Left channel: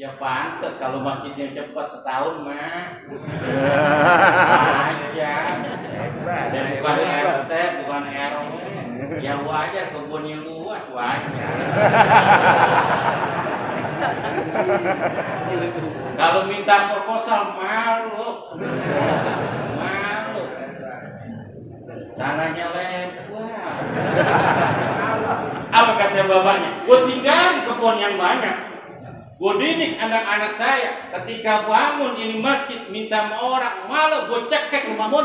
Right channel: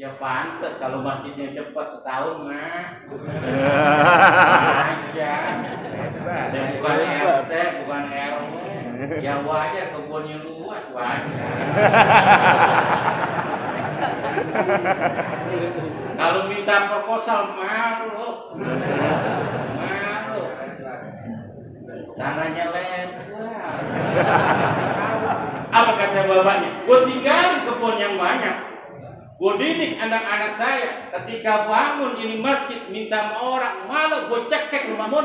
Ya pantas kalau masjidnya cepat setahun mah. Aja. Bukan RT, bukan RW. Ya wajar kebunnya luas wajar. Kalau minta proposal malu. Malu. Tanahnya lebar. Apa kata bapaknya? Gue tinggal kebun yang banyak. Gue didik anak-anak saya. Ketika bangun ini masjid minta sama orang, malu gue cekek rumah mun.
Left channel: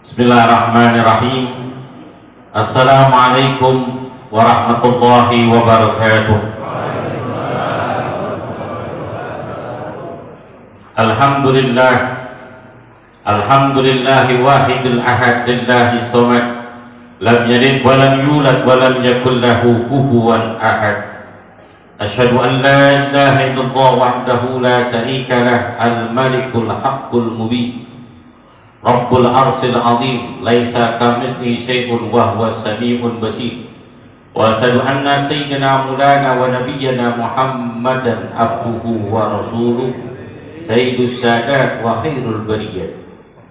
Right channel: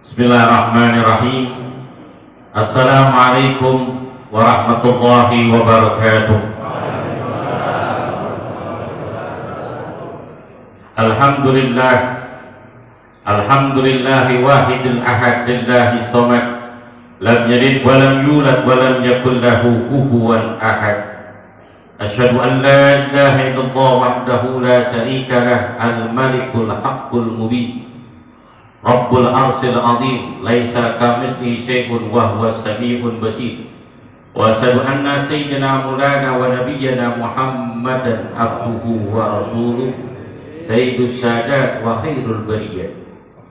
Bismillahirrahmanirrahim. Assalamualaikum warahmatullahi wabarakatuh. Alhamdulillah, alhamdulillahi wahidil ahad lillahi somad, lam yalid wa lam yulad wa lam yakul lahu kufuwan ahad. Asyhadu an la ilaha illallah wahdahu la syarika lah, al-malikul haqqul mubin, Rabbul arsil azim, laisa kamitslihi syai'un wa huwas samiul basir. Wa asyhadu anna sayyidina maulana wa nabiyyana Muhammadan abduhu wa rasuluh, sayyidus sadat wa khairul bariyah.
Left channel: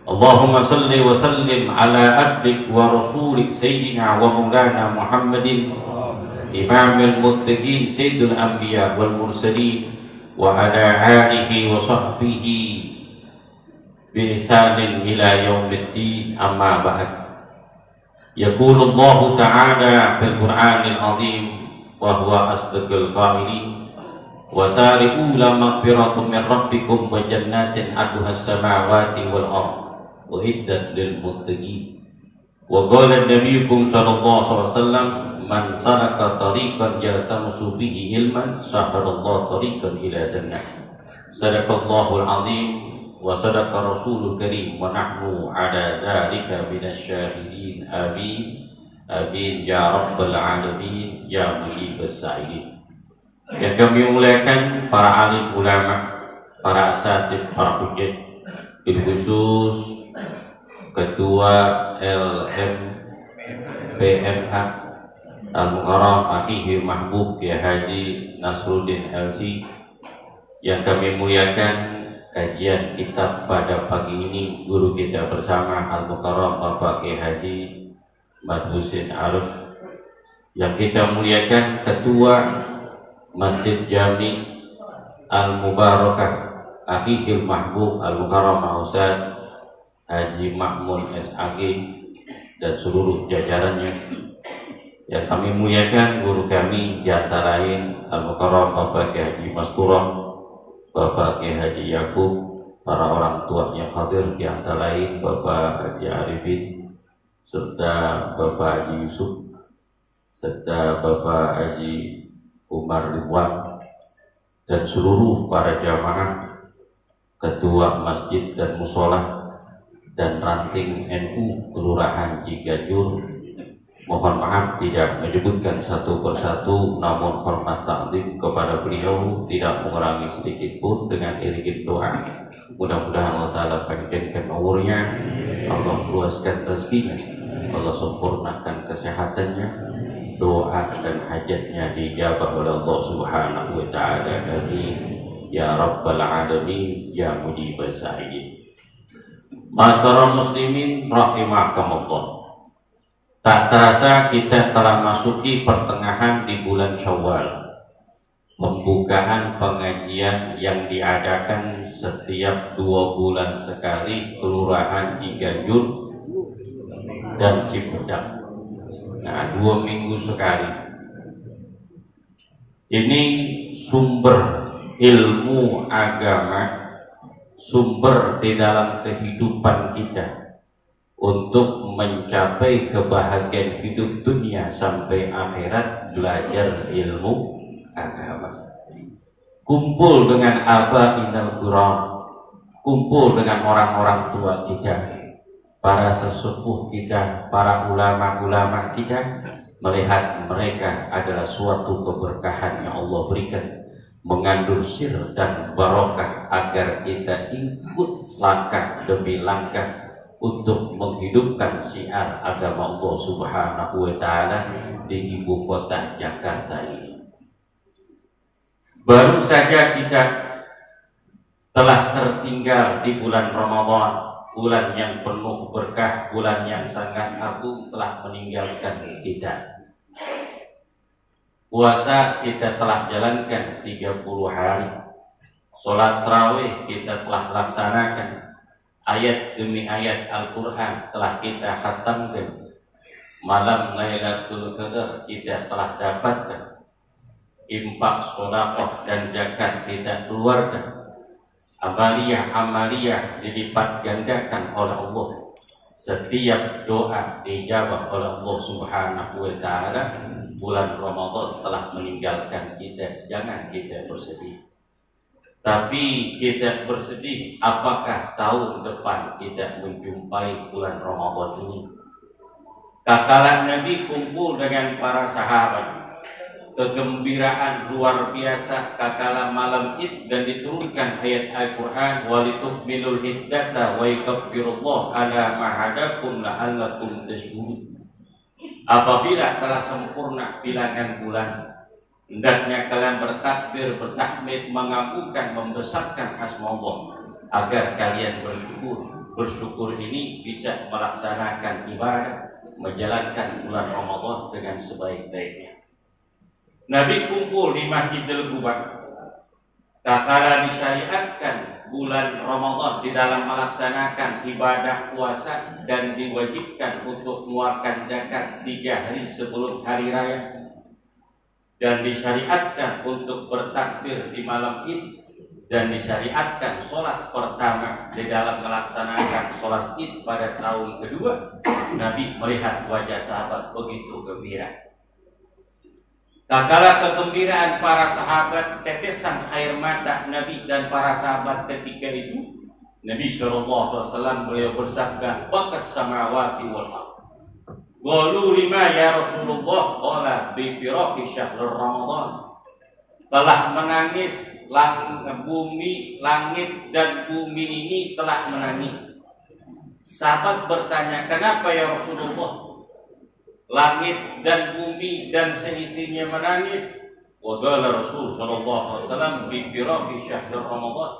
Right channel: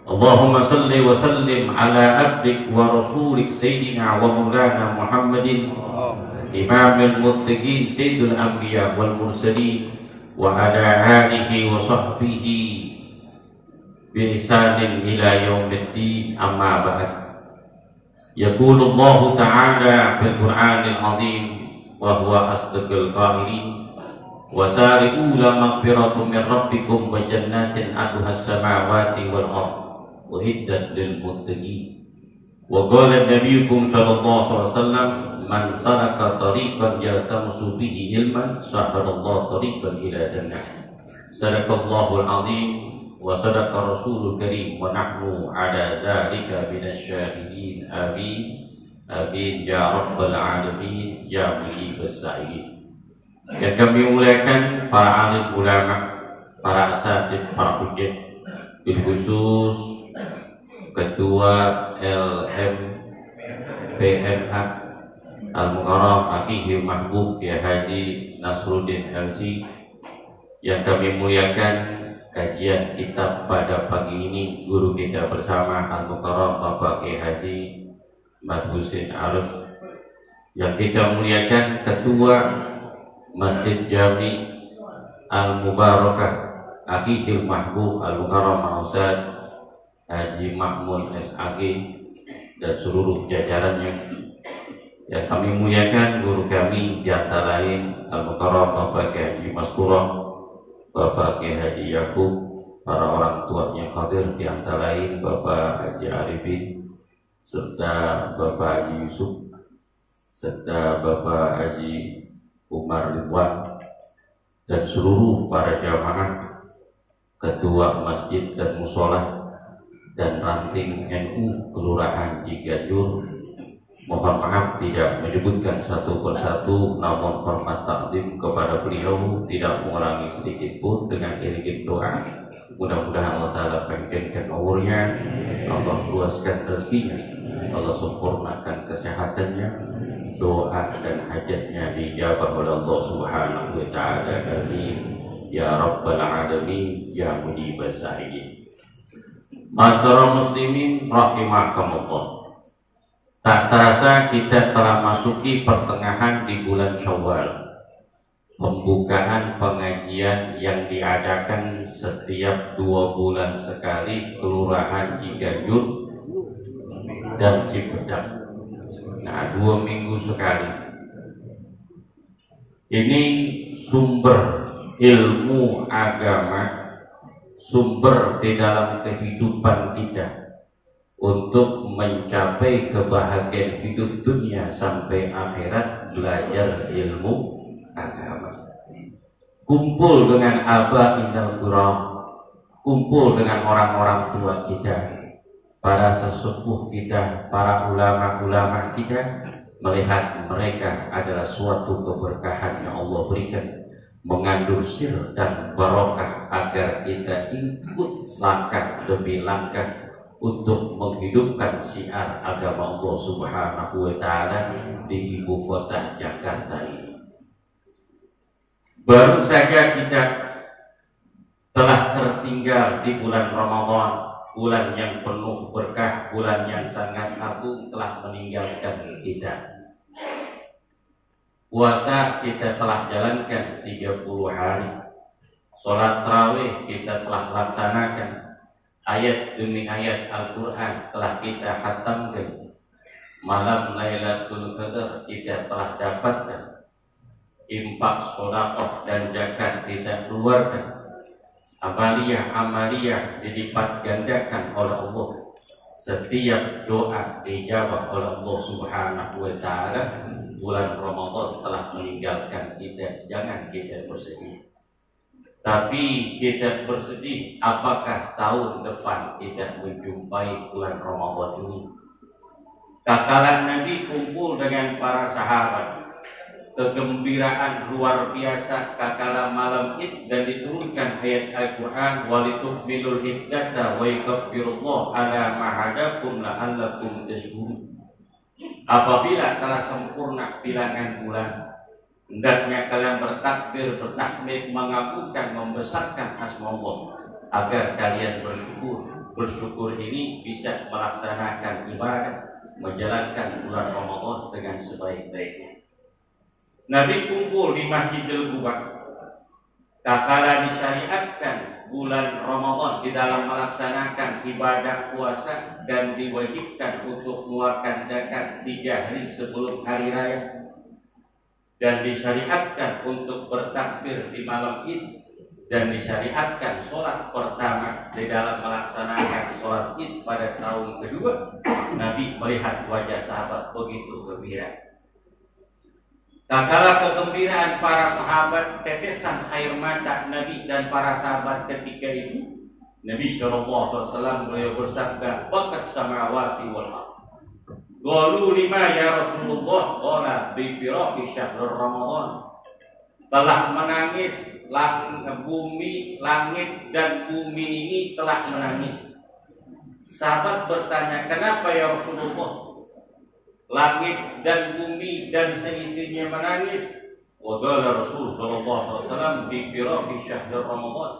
Allahumma salli wa sallim ala abdik wa rasulik sayyidina wa maulana Muhammadin imamil muttaqin sayyidul anbiya wal mursalin wa ala alihi wa sahbihi bi'isanin ila yaumiddin, amma ba'd. Yaqulu Allah ta'ala fil Qur'anil azim wa huwa asdaqul qailin, wa sari'u ila maghfiratin min rabbikum wa jannatin 'arduhas samawati wal ardh uiddat lil muttaqin. Wa qala nabiyukum sallallahu alaihi wasallam, man salaka tariqan yaltamisu bihi ilman sahalallahu tariqan ila jannah. Sadaqallahul azim wa sadaqa rasulul karim wa nahnu ala zalika minasyahidin. Amin amin ya rabbal alamin ya mujibas sa'ilin. Yang kami muliakan para alim ulama, para asatidz, para hujjah, bil khusus Ketua LMPMA Al-Mukarram Akhi Mahbub Kiai Haji Nasruddin LC. Yang kami muliakan kajian kitab pada pagi ini guru kita bersama Al-Mukarram Bapak Kiai Haji Mat Husin Arus. Yang kita muliakan Ketua Masjid Jami Al-Mubarakah Akhil Mahbub Al-Mukarram Ustaz Haji Mahmud SAG dan seluruh jajarannya. Yang kami muliakan guru kami di antara lain Al-Mukarram Bapak Kiai Haji Masturah, Bapak Kiai Haji Yakub, para orang tua yang hadir di antara lain Bapak Haji Arifin, serta Bapak Haji Yusuf, serta Bapak Haji Umar Ridwan, dan seluruh para jamaah, ketua masjid dan musola, dan ranting NU Kelurahan Ciganjur. Mohon maaf tidak menyebutkan satu persatu, namun hormat takdim kepada beliau tidak mengurangi sedikit pun dengan iringan doa. Mudah-mudahan Allah Ta'ala panjangkan umurnya, Allah luaskan rezekinya, Allah sempurnakan kesehatannya, doa dan hajatnya dijabah oleh Allah Subhanahu wa Ta'ala. Amin ya rabbal alamin ya mujibas sa'ilin. Masyarul muslimin rahimakumullah. Tak terasa kita telah masuki pertengahan di bulan Syawal, pembukaan pengajian yang diadakan setiap 2 bulan sekali Kelurahan Ciganjur dan Cipedak. Nah, 2 minggu sekali. Ini sumber ilmu agama, sumber di dalam kehidupan kita untuk mencapai kebahagiaan hidup dunia sampai akhirat. Belajar ilmu agama, kumpul dengan abainal kiram, kumpul dengan orang-orang tua kita, para sesepuh kita, para ulama-ulama kita, melihat mereka adalah suatu keberkahan yang Allah berikan, mengandung sir dan barokah agar kita ikut langkah demi langkah untuk menghidupkan syiar agama Allah Subhanahu wa taala di ibu kota Jakarta ini. Baru saja kita telah tertinggal di bulan Ramadan, bulan yang penuh berkah, bulan yang sangat agung telah meninggalkan kita. Puasa kita telah jalankan 30 hari. Sholat tarawih kita telah laksanakan. Ayat demi ayat Al-Quran telah kita khatamkan. Malam Lailatul Qadar kita telah dapatkan. Infak, sedekah dan zakat kita keluarkan. Amaliyah dilipat gandakan oleh Allah. Setiap doa dijawab oleh Allah Subhanahu wa taala. Bulan Ramadan telah meninggalkan kita. Jangan kita bersedih, tapi kita bersedih apakah tahun depan kita menjumpai bulan Ramadan ini. Kakalan Nabi kumpul dengan para sahabat, kegembiraan luar biasa kakalah malam Id, dan diturunkan ayat Al-Quran walitukmilul iddata wa yukabbirullaha ala ma hadakum la'allakum tashkurun. Apabila telah sempurna bilangan bulan, hendaknya kalian bertakbir, bertahmid, mengagungkan, membesarkan asma Allah agar kalian bersyukur. Bersyukur ini bisa melaksanakan ibadah, menjalankan bulan Ramadan dengan sebaik-baiknya. Nabi kumpul di Masjidil Quba. Tatkala disyariatkan bulan Ramadan di dalam melaksanakan ibadah puasa dan diwajibkan untuk mengeluarkan zakat 3 hari sebelum hari raya, dan disyariatkan untuk bertakbir di malam Id, dan disyariatkan sholat pertama di dalam melaksanakan sholat Id pada tahun kedua. Nabi melihat wajah sahabat begitu gembira. Tatkala kegembiraan para sahabat, tetesan air mata Nabi dan para sahabat ketika itu, Nabi SAW beliau bersabda, bakat samawati wal ardh. Qalu lima ya Rasulullah, qala bi firaqi syahrul Ramadan. Telah menangis bumi, langit dan bumi ini telah menangis. Sahabat bertanya, kenapa ya Rasulullah? Langit dan bumi dan seisinya menangis. Wa qala Rasul sallallahu alaihi wasallam bi firaqi syahrul Ramadan,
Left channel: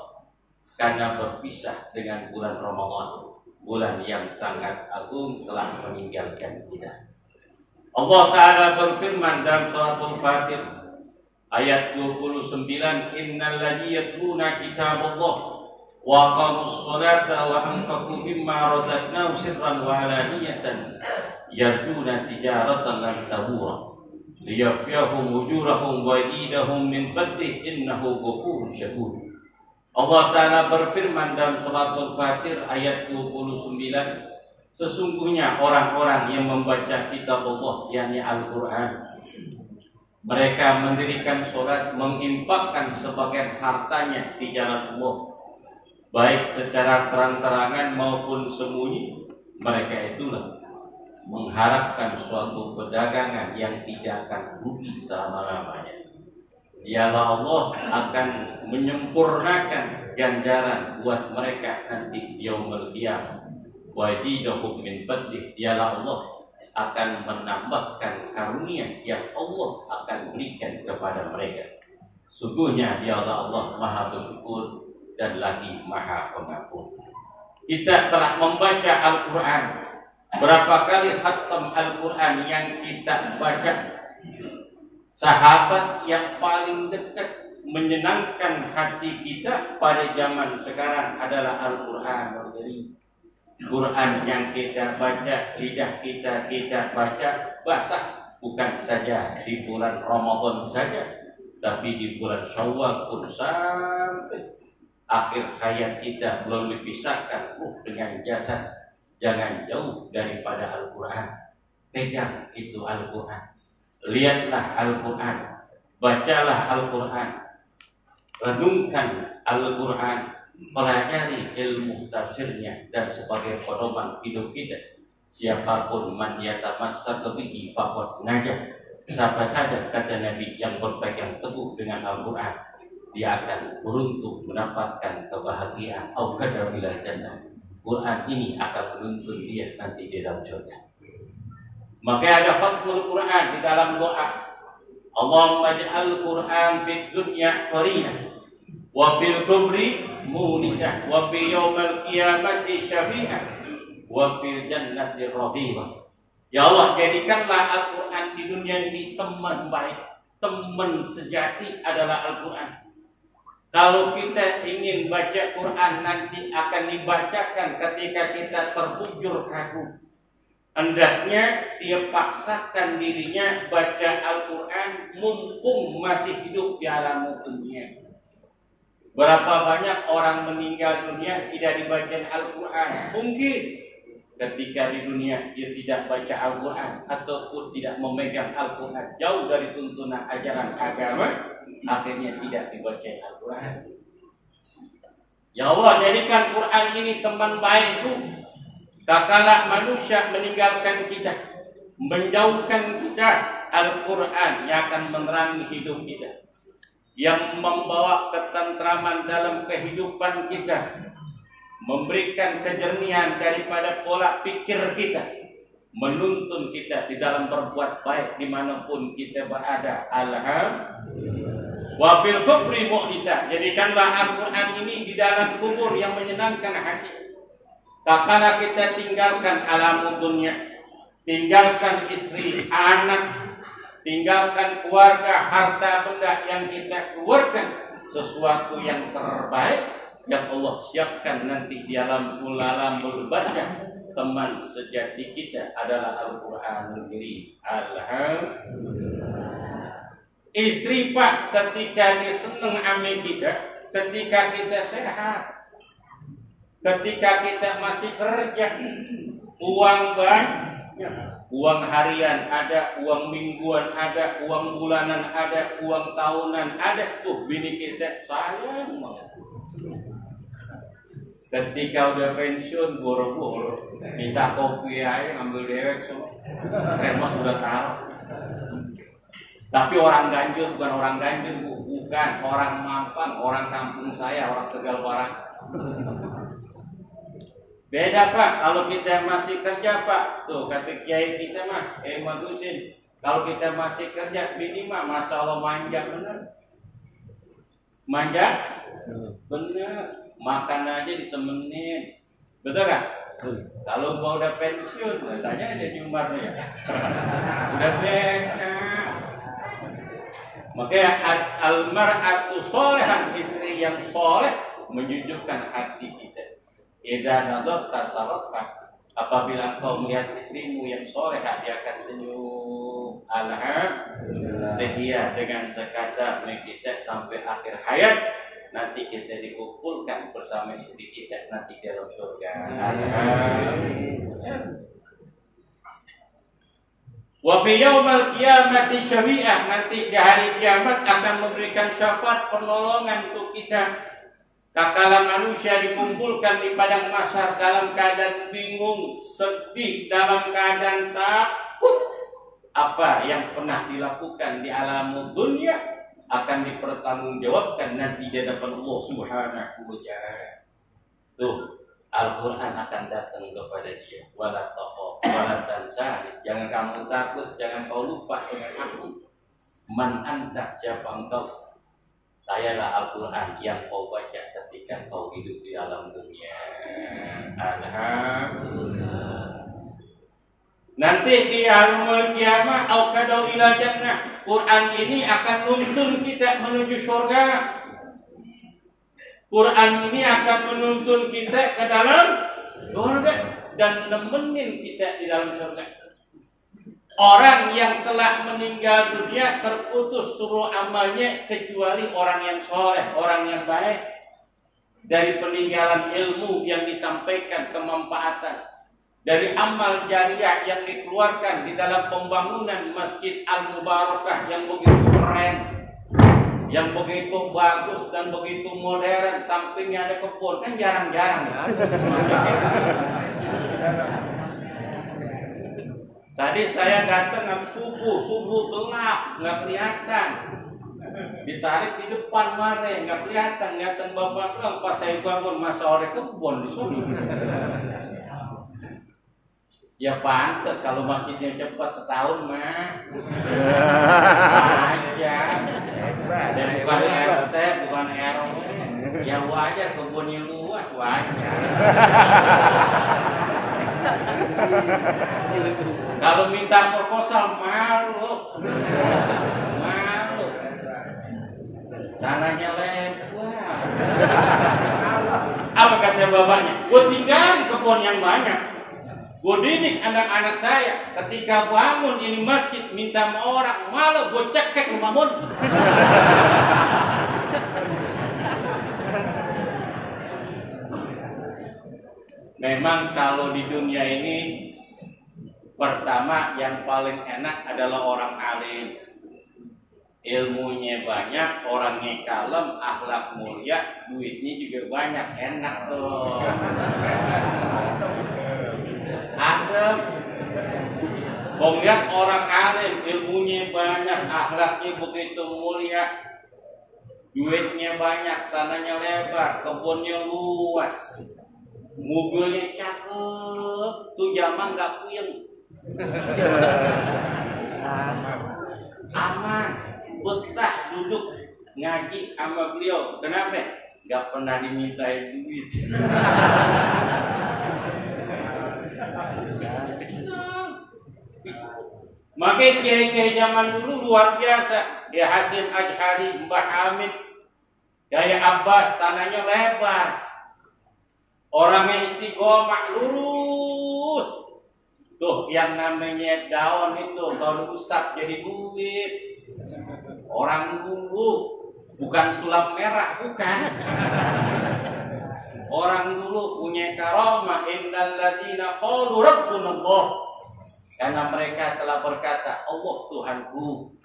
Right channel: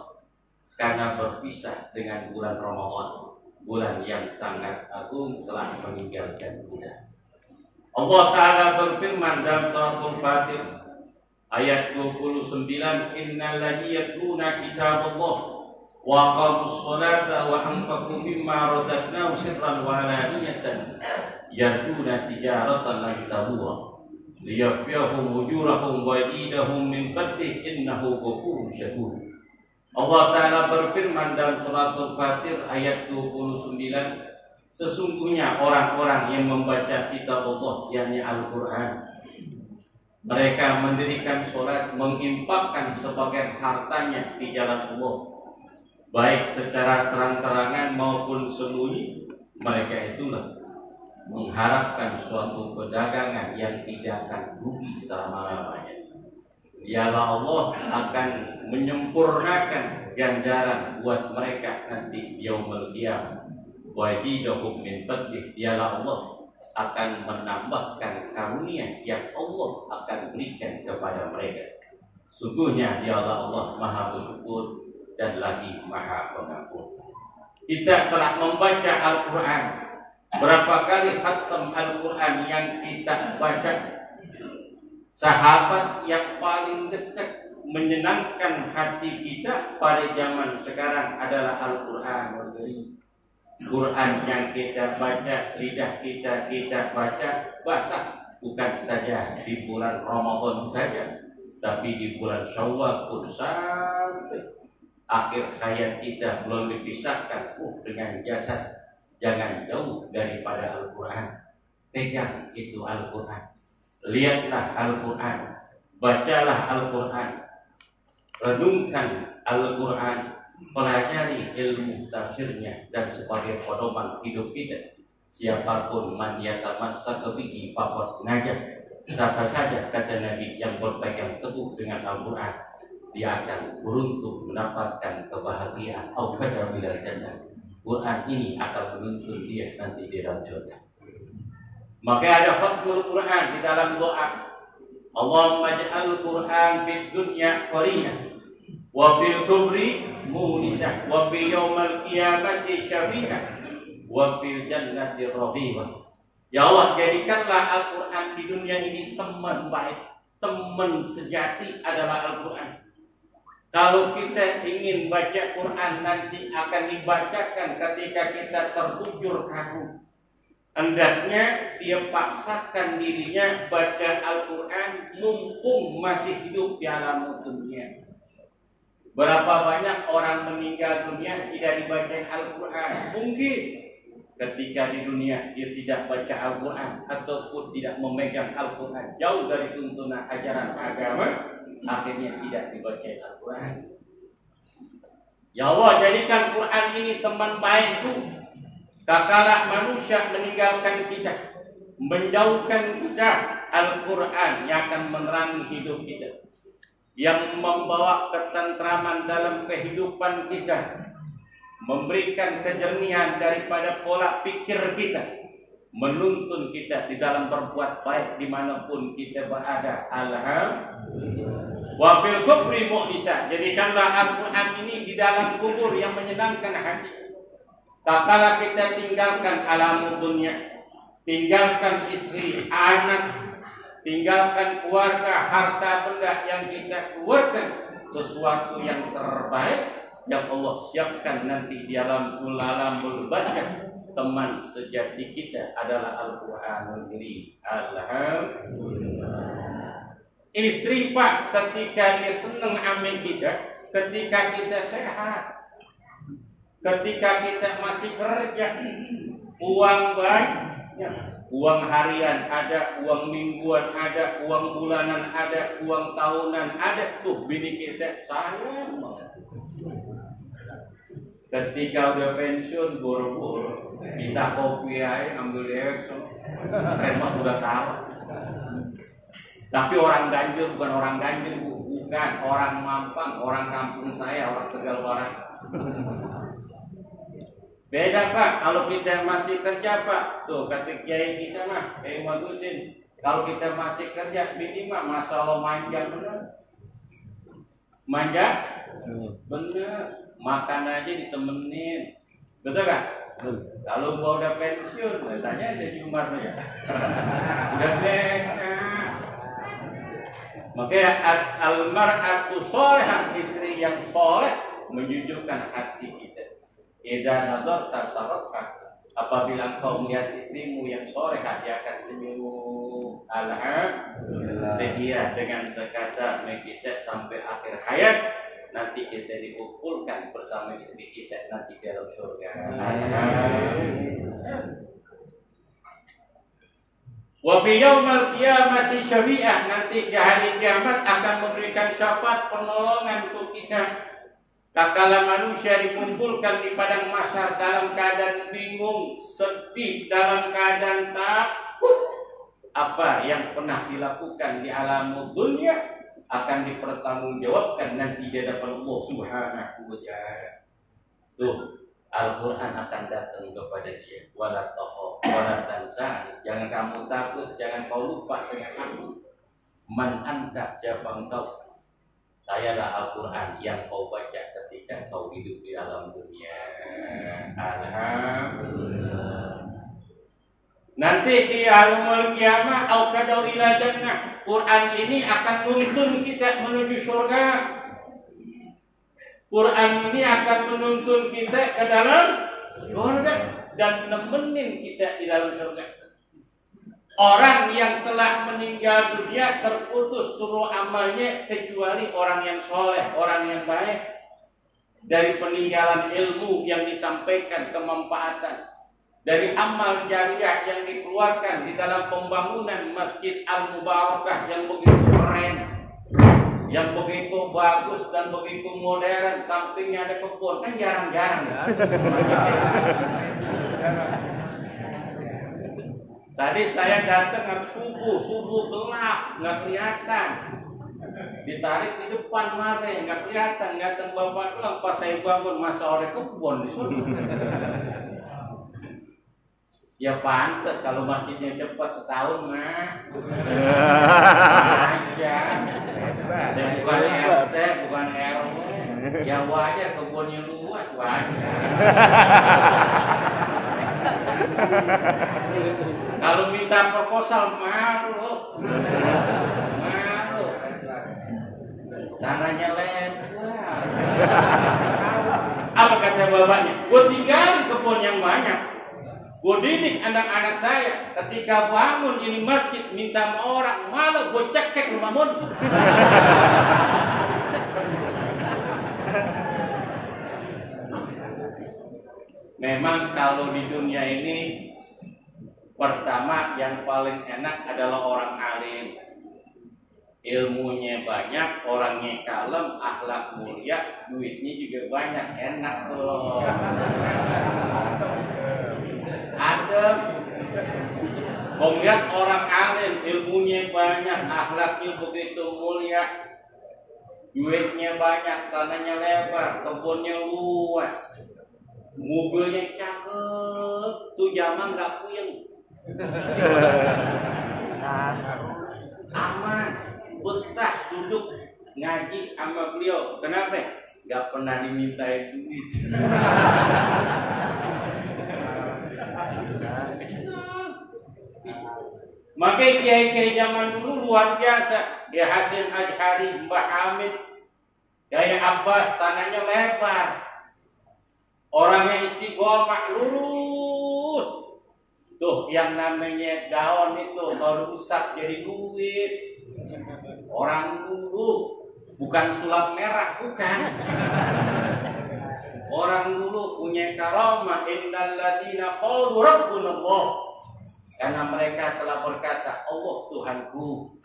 karena berpisah dengan bulan Ramadan, bulan yang sangat agung telah meninggalkan kita. Allah Ta'ala berfirman dalam suratul Fatir ayat 29, innal ladzina yatluna kitaballah wa aqamus sholata wa anfaqu mimma razaqnahum sirran wa alaniyatan yarjuna tijaratan lan tabura liyafiyahum ujurahum wa yidahum min fadlih innahu ghafurun syakur. Allah Ta'ala berfirman dalam suratul Fatir ayat 29, sesungguhnya orang-orang yang membaca kitab Allah, yakni Al-Quran, mereka mendirikan sholat, menginfakkan sebagian hartanya di jalan Allah, baik secara terang-terangan maupun sembunyi, mereka itulah mengharapkan suatu perdagangan yang tidak akan rugi selama-lamanya. Dialah Allah akan menyempurnakan ganjaran buat mereka nanti yaumul qiyamah. Wa yidahum min fadlih, dialah Allah akan menambahkan karunia yang Allah akan berikan kepada mereka. Sungguhnya dialah Allah Maha bersyukur dan lagi Maha pengampun. Kita telah membaca Al-Quran. Berapa kali khatam Al-Quran yang kita baca? Sahabat yang paling dekat menyenangkan hati kita pada zaman sekarang adalah Al-Quran. Quran yang kita baca, lidah kita baca basah, bukan saja di bulan Ramadan saja, tapi di bulan Syawal pun sampai akhir hayat kita belum dipisahkan dengan jasad. Jangan jauh daripada Al-Quran. Pegang itu Al-Quran. Lihatlah Al-Quran. Bacalah Al-Quran. Renungkan Al-Quran. Pelajari ilmu tafsirnya dan sebagai pedoman hidup kita. Siapapun man yatamassak bihi faqad najah. Siapa saja, kata Nabi, yang berpegang teguh dengan Al-Quran, dia akan beruntung mendapatkan kebahagiaan. Au kadar bilal jannah. Quran ini akan menuntun dia nanti di dalam surga. Maka ada khatmul Quran di dalam doa. Allahumma ja'al Quran fid dunya qarina wa fil kubri munisa wa fi yaumal qiyamati syafi'ah wa fil jannati rafiqa. Ya Allah, jadikanlah Al-Quran di dunia ini teman baik, teman sejati adalah Al-Quran. Kalau kita ingin baca Quran nanti akan dibacakan ketika kita terbujur kaku. Hendaknya dia paksakan dirinya baca Al-Quran mumpung masih hidup di alam dunia. Berapa banyak orang meninggal dunia tidak dibacain Al-Quran? Mungkin ketika di dunia dia tidak baca Al-Quran ataupun tidak memegang Al-Quran, jauh dari tuntunan ajaran agama, akhirnya tidak dibaca Al-Quran. Ya Allah, jadikan Quran ini teman baikku. Kala manusia meninggalkan kita, menjauhkan kita, Al-Quran yang akan menerangi hidup kita, yang membawa ketentraman dalam kehidupan kita, memberikan kejernihan daripada pola pikir kita, menuntun kita di dalam berbuat baik dimanapun kita berada. Alhamdulillah. Wa fil kubri mu'nisa, jadikanlah Al-Quran ini di dalam kubur yang menyenangkan hati. Kala kita tinggalkan alam dunia, tinggalkan istri, anak, tinggalkan keluarga, harta benda yang kita keluarkan, sesuatu yang terbaik yang Allah siapkan nanti di alam berbaca. Teman sejati kita adalah Al-Quranul Karim. Alhamdulillah. Istri Pak ketika dia senang ame kita, ketika kita sehat, ketika kita masih kerja, uang banyak, uang harian ada, uang mingguan ada, uang bulanan ada, uang tahunan ada, tuh bini kita sayang banget. Ketika udah pensiun, boro-boro minta kopi aja, ngambil dewek, so remas udah taruh. Tapi orang Ganjil bukan orang Ganjil, bukan orang Mampang, orang kampung saya, orang Tegal Barat. Beda Pak, kalau kita masih kerja Pak, tuh kata kiai kita mah, bagusin. Kalau kita masih kerja, minimal Masya Allah manja bener. Manja? Bener. Makan aja ditemenin. Betul kan? Kalau gua udah pensiun, tanya aja Jumarnya ya. Udah beda. Makanya al-mar'atu sholihah, istri yang soleh menjunjukkan hati kita. Idza nadarta saratka, apabila engkau melihat istrimu yang solehah, dia akan senyum. Alhamdulillah. Sedia dengan sekata kita sampai akhir hayat, nanti kita dikumpulkan bersama istri kita nanti dalam surga. Alhamdulillah. Wa fi yaumal qiyamati syafi'ah, nanti di hari kiamat akan memberikan syafaat pertolongan untuk kita. Tatkala manusia dikumpulkan di padang mahsyar dalam keadaan bingung, sedih, dalam keadaan takut, apa yang pernah dilakukan di alam dunia akan dipertanggungjawabkan nanti di hadapan Allah Subhanahu wa ta'ala. Tuh, Al-Quran akan datang kepada dia. Wala takhaf wala tahzan. Jangan kamu takut, jangan kau lupa dengan aku. Man anta, siapa engkau? Sayalah Al-Quran yang kau baca ketika kau hidup di alam dunia. Alhamdulillah. Nanti di alamul kiamah au kadau ila jannah, Quran ini akan menuntun kita menuju surga. Quran ini akan menuntun kita ke dalam surga dan nemenin kita di dalam surga. Orang yang telah meninggal dunia terputus seluruh amalnya kecuali orang yang soleh, orang yang baik. Dari peninggalan ilmu yang disampaikan, kemanfaatan, dari amal jariah yang dikeluarkan di dalam pembangunan Masjid Al-Mubarakah yang begitu keren, yang begitu bagus dan begitu modern, sampingnya ada kebun, kan jarang-jarang ya. Tadi saya datang habis subuh gelap, nggak kelihatan. Ditarik di depan mare, nggak kelihatan bapak doang. Pas saya bangun masa ore kebun di sini. Ya pantas kalau masjidnya cepat setahun mah. Aja. Bukan RT, bukan RW. Ya wajar kebunnya luas wajar. Kalau minta proposal malu. Tanahnya lebar. Apa kata bapaknya? Gue tinggal kebun yang banyak. Gue didik anak-anak saya. Ketika bangun ini masjid minta sama orang, malah gue cekek rumah mun. Memang kalau di dunia ini pertama yang paling enak adalah orang alim. Ilmunya banyak, orangnya kalem, akhlak mulia, duitnya juga banyak, enak tuh. Adem. Kau lihat orang alim, ilmunya banyak, akhlaknya begitu mulia, duitnya banyak, tanahnya lebar, kebunnya luas, mobilnya cakep, tuh zaman nggak puyeng, aman, betah duduk ngaji sama beliau. Kenapa? Nggak pernah dimintain duit. Makanya kiai-kiai zaman dulu luar biasa. Ya Hasim Ajhari, Mbah Hamid, Yai Abbas, tanahnya lebar. Orangnya istiqomah, lurus. Tuh yang namanya daun itu kalau rusak jadi duit. Orang dulu bukan sulap merah, bukan. Orang dulu punya karamah, innal ladzina qalu rabbunallah. Karena mereka telah berkata, Allah Tuhanku.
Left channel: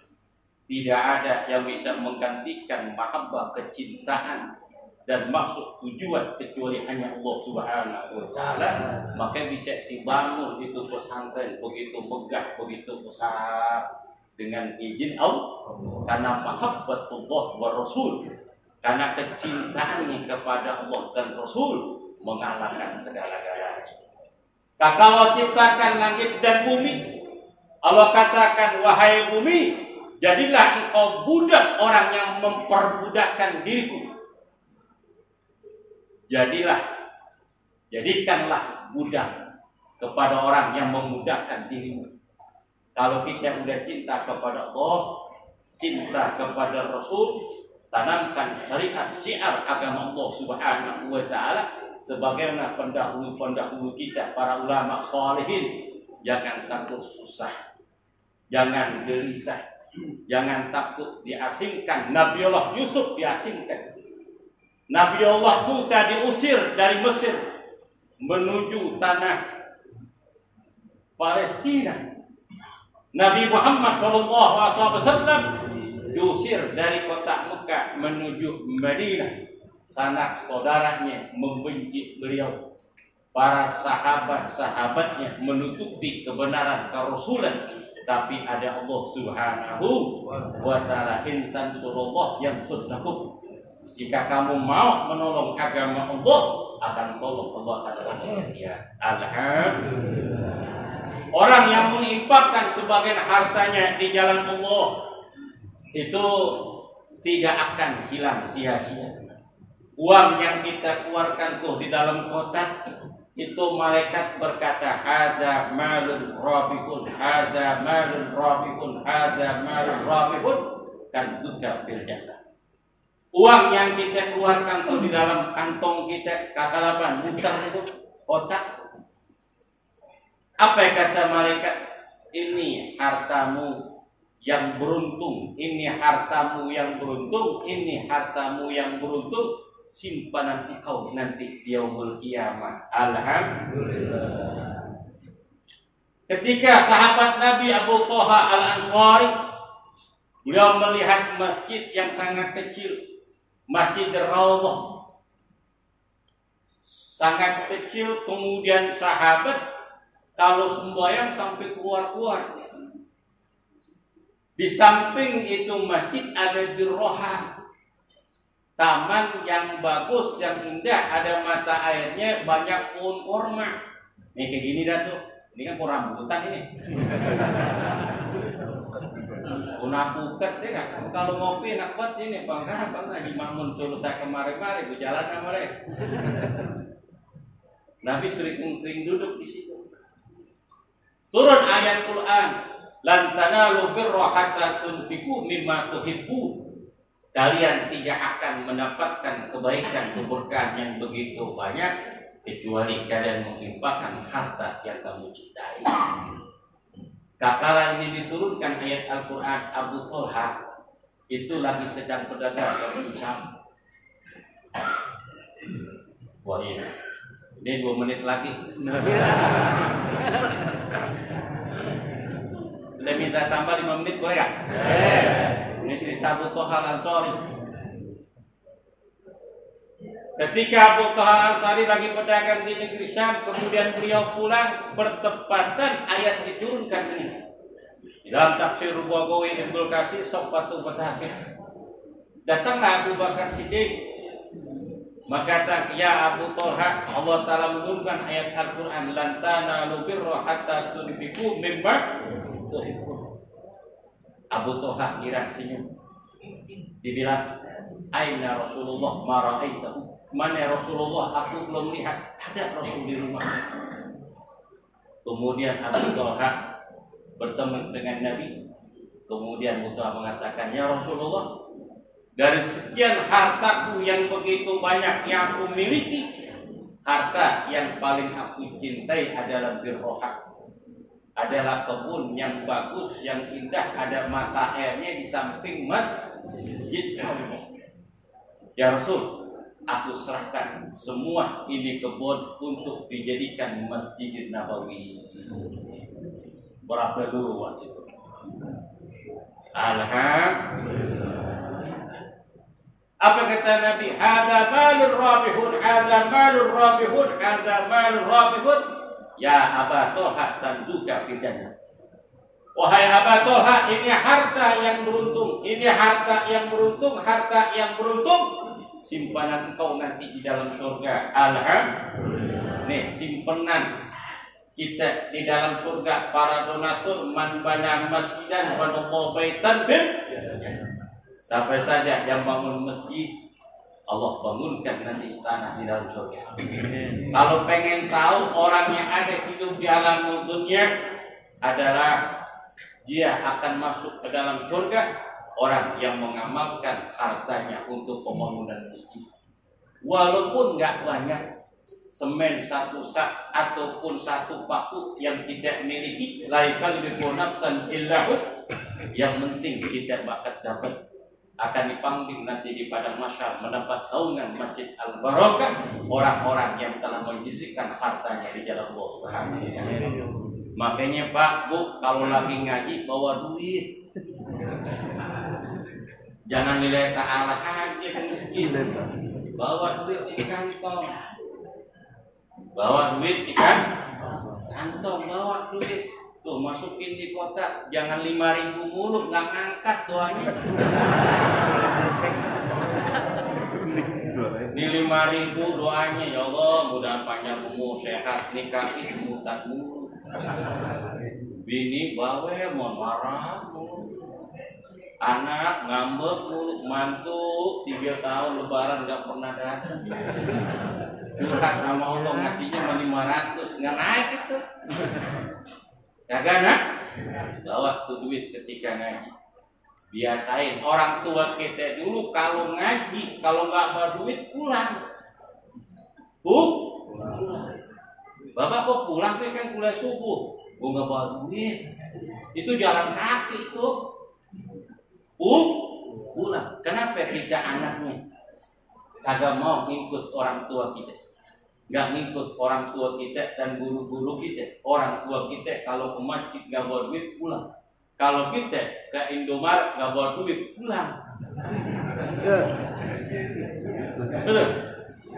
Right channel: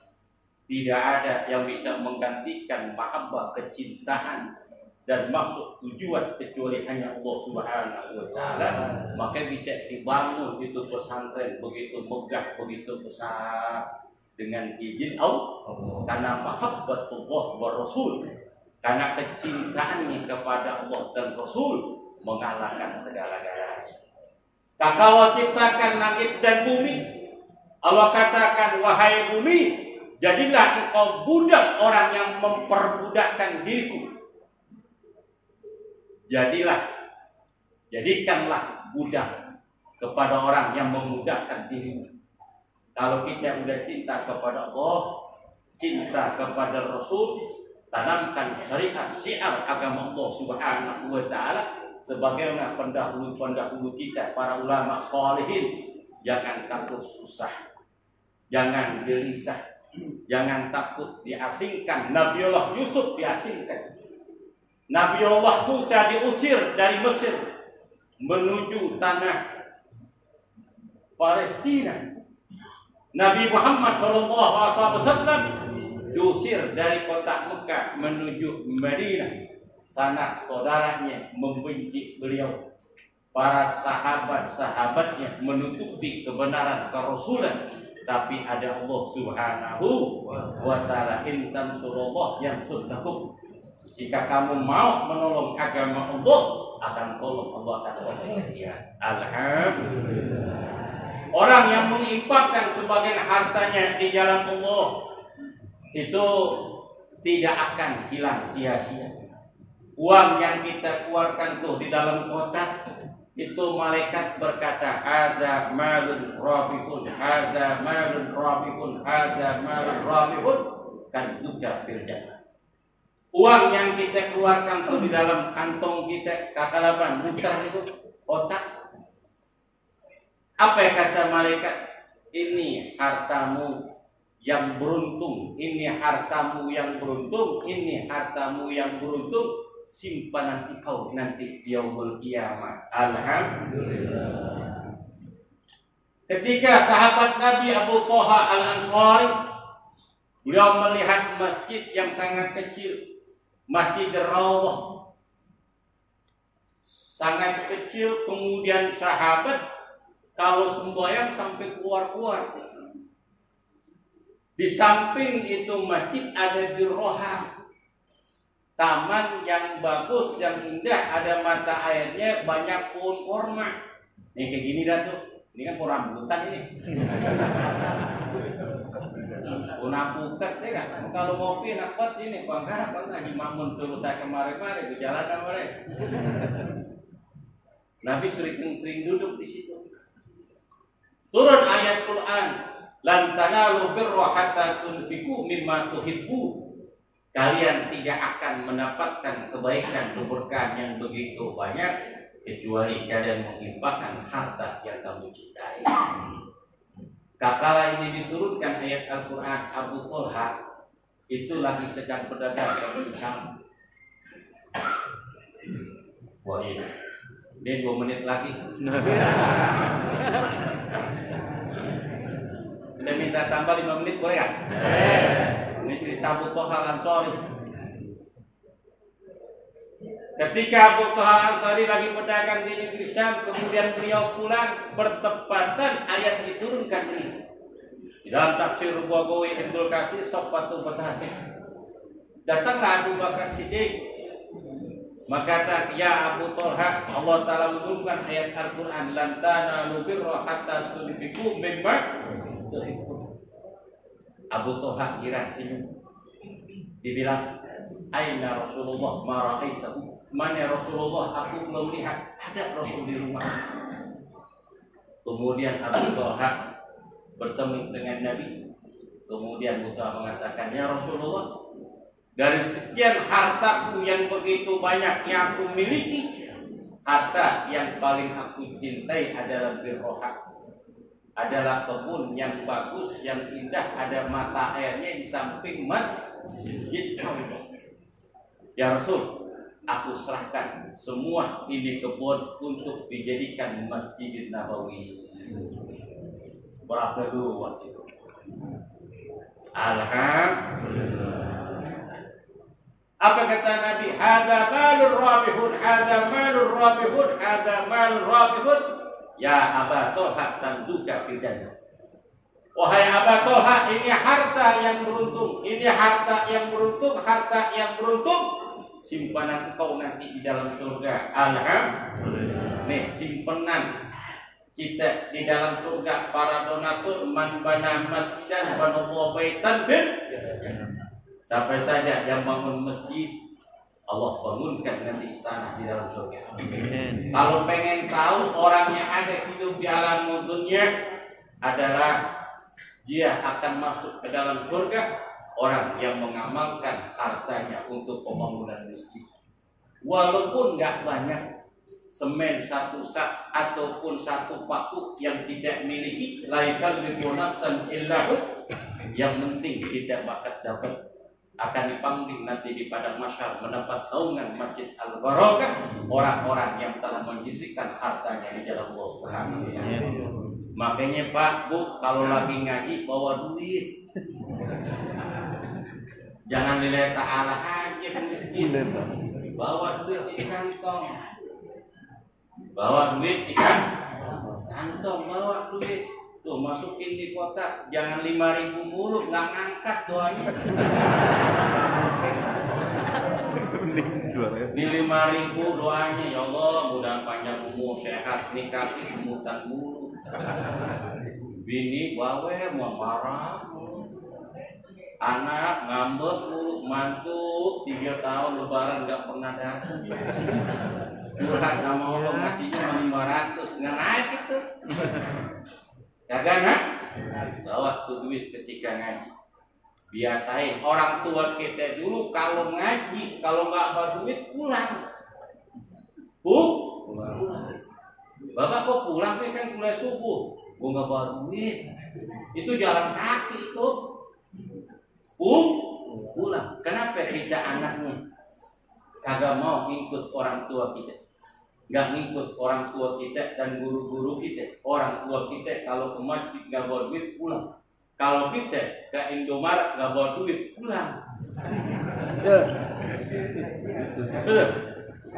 Tidak ada yang bisa menggantikan mahabbah, kecintaan dan maksud tujuan kecuali hanya Allah Subhanahu wa taala. Maka bisa dibangun itu pesantren begitu megah, begitu besar dengan izin Allah. Karena mahabbatullah wa rasul. Karena kecintaannya kepada Allah dan Rasul mengalahkan segala-galanya. Tak Allah ciptakan langit dan bumi. Allah katakan, wahai bumi, jadilah engkau budak orang yang memperbudakkan diriku. Jadikanlah budak kepada orang yang memudahkan dirimu. Kalau kita udah cinta kepada Allah, cinta kepada Rasul, tanamkan syariat syiar agama Allah Subhanahu wa taala. Sebagaimana pendahulu-pendahulu kita, para ulama sholihin, jangan takut susah, jangan gelisah, jangan takut diasingkan. Nabiullah Yusuf diasingkan, Nabiullah Musa diusir dari Mesir menuju tanah Palestina. Nabi Muhammad SAW diusir dari kota Mekah menuju Madinah. Sanak saudaranya membenci beliau. Para sahabat-sahabatnya menutupi kebenaran kerasulan. Tapi ada Allah Subhanahu wa ta'ala. Intan surullah yang surdakum. Jika kamu mau menolong agama Allah, akan tolong Allah akan tolong dia. Alhamdulillah. Orang yang menginfakkan sebagian hartanya di jalan Allah itu tidak akan hilang sia-sia. Uang yang kita keluarkan tuh di dalam kotak itu malaikat berkata, hadza malun rabihun, hadza malun rabihun, hadza malun rabihun, kan duka fil jannah. Uang yang kita keluarkan tuh di dalam kantong kita, kakalaban mutar itu kotak. Apa yang kata malaikat? Ini hartamu yang beruntung, ini hartamu yang beruntung, ini hartamu yang beruntung. Simpanan engkau nanti di yaumul kiamah. Alhamdulillah. Ketika sahabat Nabi Abu Thaha Al-Ansari, beliau melihat masjid yang sangat kecil, Masjid Raudhah, sangat kecil. Kemudian sahabat kalau sembahyang sampai keluar-keluar. Di samping itu masjid ada Dirroha, taman yang bagus, yang indah, ada mata airnya, banyak pohon kurma. Nih kayak gini dah tuh. Ini kan pohon rambutan ini. Pohon apukat ya kan. Kalau ngopi enak banget sini, bangga di Makmun suruh saya kemari-mari, gue jalan sama mereka. Nabi sering duduk di situ. Turun ayat Quran, lan tanalu birra hatta tunfiqu mimma tuhibbu. Kalian tidak akan mendapatkan kebaikan, keberkahan yang begitu banyak kecuali kalian menginfakkan harta yang kamu cintai. Kala ini diturunkan ayat Al-Quran, Abu Thalha itu lagi sedang berdagang di Syam. Wah iya, ini 2 menit lagi. Saya minta tambah 5 menit boleh gak? Ini cerita Abu Thalha Al-Ansari. Ketika Abu Thalha Al-Ansari lagi berdagang di negeri Syam, kemudian beliau pulang, bertepatan ayat diturunkan ini. Di dalam tafsir Bagawi Ibnu Katsir Sofatu Batahsir. Datanglah Abu Bakar Siddiq, maka kata, ya Abu Thalha, Allah Ta'ala menurunkan ayat Al-Quran, lan tanalu birra hatta tunfiqu mimma tuhibbun. Abu Thalha kira senyum. Dibilang, aina Rasulullah ma ra'aitahu. Mana Rasulullah, aku belum lihat ada Rasul di rumah. Kemudian Abu Thalha bertemu dengan Nabi. Kemudian Abu Thalha mengatakan, ya Rasulullah, dari sekian hartaku yang begitu banyak yang aku miliki, harta yang paling aku cintai adalah birroha, adalah kebun yang bagus, yang indah, ada mata airnya di samping masjid. Ya Rasul, aku serahkan semua ini kebun untuk dijadikan Masjid Nabawi. Berapa dulu waktu itu? Alhamdulillah. Apa kata Nabi? Hadza malur rabihun, hadza malur rabihun, hadza malur rabihun. Ya Aba Thalha tanduka fil jannah. Wahai Aba Thalha, ini harta yang beruntung, ini harta yang beruntung, harta yang beruntung. Simpanan engkau nanti di dalam surga. Alhamdulillah. Nih simpanan kita di dalam surga. Para donatur, man bana masjidan banallahu baitan bil. Sampai saja yang bangun masjid, Allah bangunkan nanti istana di dalam surga. Kalau pengen tahu orang yang ada hidup di alam dunia adalah dia akan masuk ke dalam surga, orang yang mengamalkan hartanya untuk pembangunan masjid. Walaupun nggak banyak, semen 1 sak ataupun 1 paku yang tidak miliki, laikal bibunafsan illahus, yang penting kita bakat dapat, akan dipanggil nanti di padang mahsyar mendapat naungan Masjid Al-Barakah orang-orang yang telah menyisihkan hartanya di jalan Allah Subhanahu wa taala. Makanya Pak, Bu, kalau lagi ngaji bawa duit. Jangan lillahi ta'ala aja ke masjid. Bawa duit di kantong. Bawa duit di kantong, bawa duit. Tuh masukin di kotak, jangan 5.000 mulu, nggak ngangkat doanya. Ini 5.000 doanya, ya Allah mudah panjang umur, sehat, nih kaki semutan mulu. Bini bawel, mau marah mulu. Anak ngambek mulu, mantu 3 tahun lebaran nggak pernah datang. Curhat sama Allah ngasihnya 500, nggak naik itu. Kagak nak? Bawa tuh duit ketika ngaji. Biasain orang tua kita dulu kalau ngaji, kalau nggak bawa duit pulang. Pulang. Bapak kok pulang sih, kan kuliah subuh. Gua nggak bawa duit. Itu jalan kaki itu. Pulang. Kenapa kita anaknya kagak mau ngikut orang tua kita? Nggak ngikut orang tua kita dan guru-guru kita. Orang tua kita kalau ke masjid nggak bawa duit pulang. Kalau kita ke Indomaret nggak bawa duit pulang. Betul?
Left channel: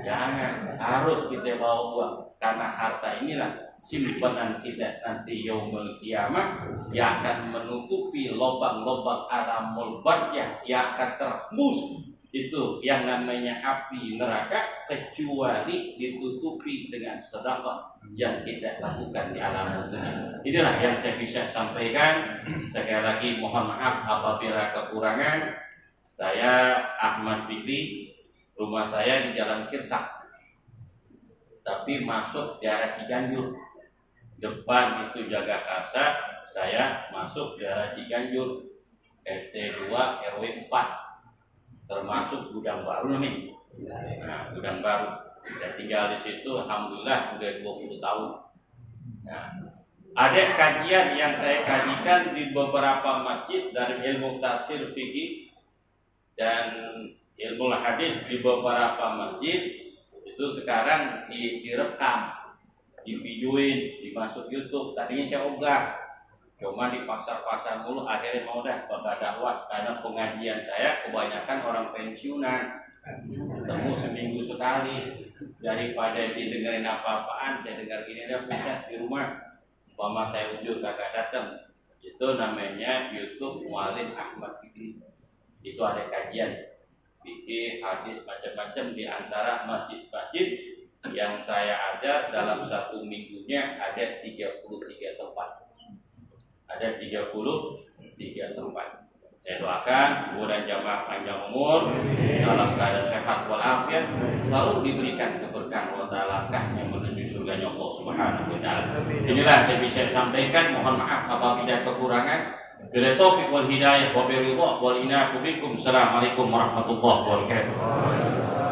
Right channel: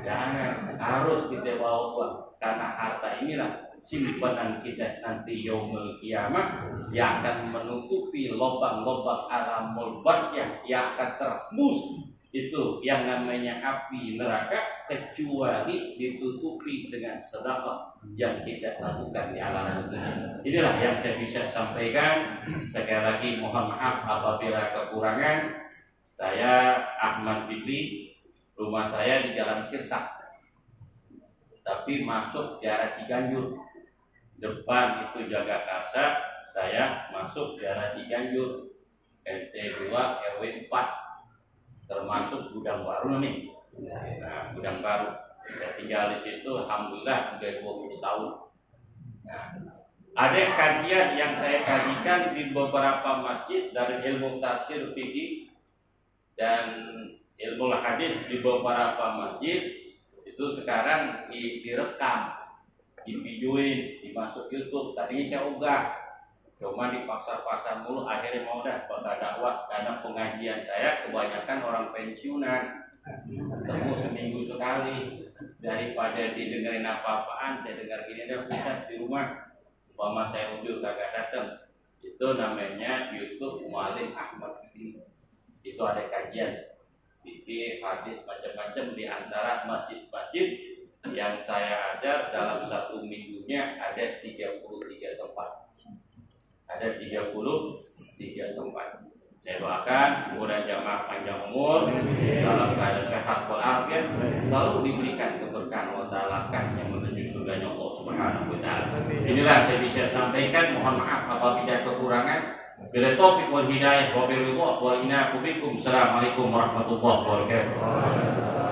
Jangan, harus kita bawa uang. Karena harta inilah simpanan kita nanti yaumul kiamah, yang akan menutupi lubang-lubang alamul baryah yang akan terhembus itu yang namanya api neraka, kecuali ditutupi dengan sedekah yang kita lakukan di alam dunia. Inilah yang saya bisa sampaikan. Sekali lagi mohon maaf apabila kekurangan. Saya Ahmad Fikri, rumah saya di Jalan Sirsak, tapi masuk daerah Ciganjur. Depan itu Jagakarsa, saya masuk daerah Ciganjur, RT 2 RW 4, termasuk Gudang Baru nih. Nah, Gudang Baru. Saya tinggal di situ, alhamdulillah udah 20 tahun. Nah, ada kajian yang saya kajikan di beberapa masjid dari ilmu tafsir fikih dan ilmu hadis di beberapa masjid itu sekarang direkam, divideoin, dimasuk YouTube. Tadinya saya ogah, cuma dipaksa-paksa mulu, akhirnya mau dah bakal dakwah karena pengajian saya kebanyakan orang pensiunan, ketemu seminggu sekali. Daripada didengerin apa-apaan, saya dengar gini dah pusat di rumah. Umpama saya ujur kagak datang, itu namanya YouTube Mualim Ahmad Fikri. Itu ada kajian fikih, hadis, macam-macam di antara masjid-masjid yang saya ajar dalam satu minggunya ada 33 tempat. Ada 33 tempat. Saya doakan mudah jamaah panjang umur, dalam keadaan sehat walafiat, selalu diberikan keberkahan wa ta'ala langkahnya menuju surganya Allah Subhanahu wa taala. Inilah saya bisa sampaikan, mohon maaf apabila kekurangan. Bila taufiq wal hidayah wa biridha wal inaqu bikum. Assalamualaikum warahmatullahi wabarakatuh.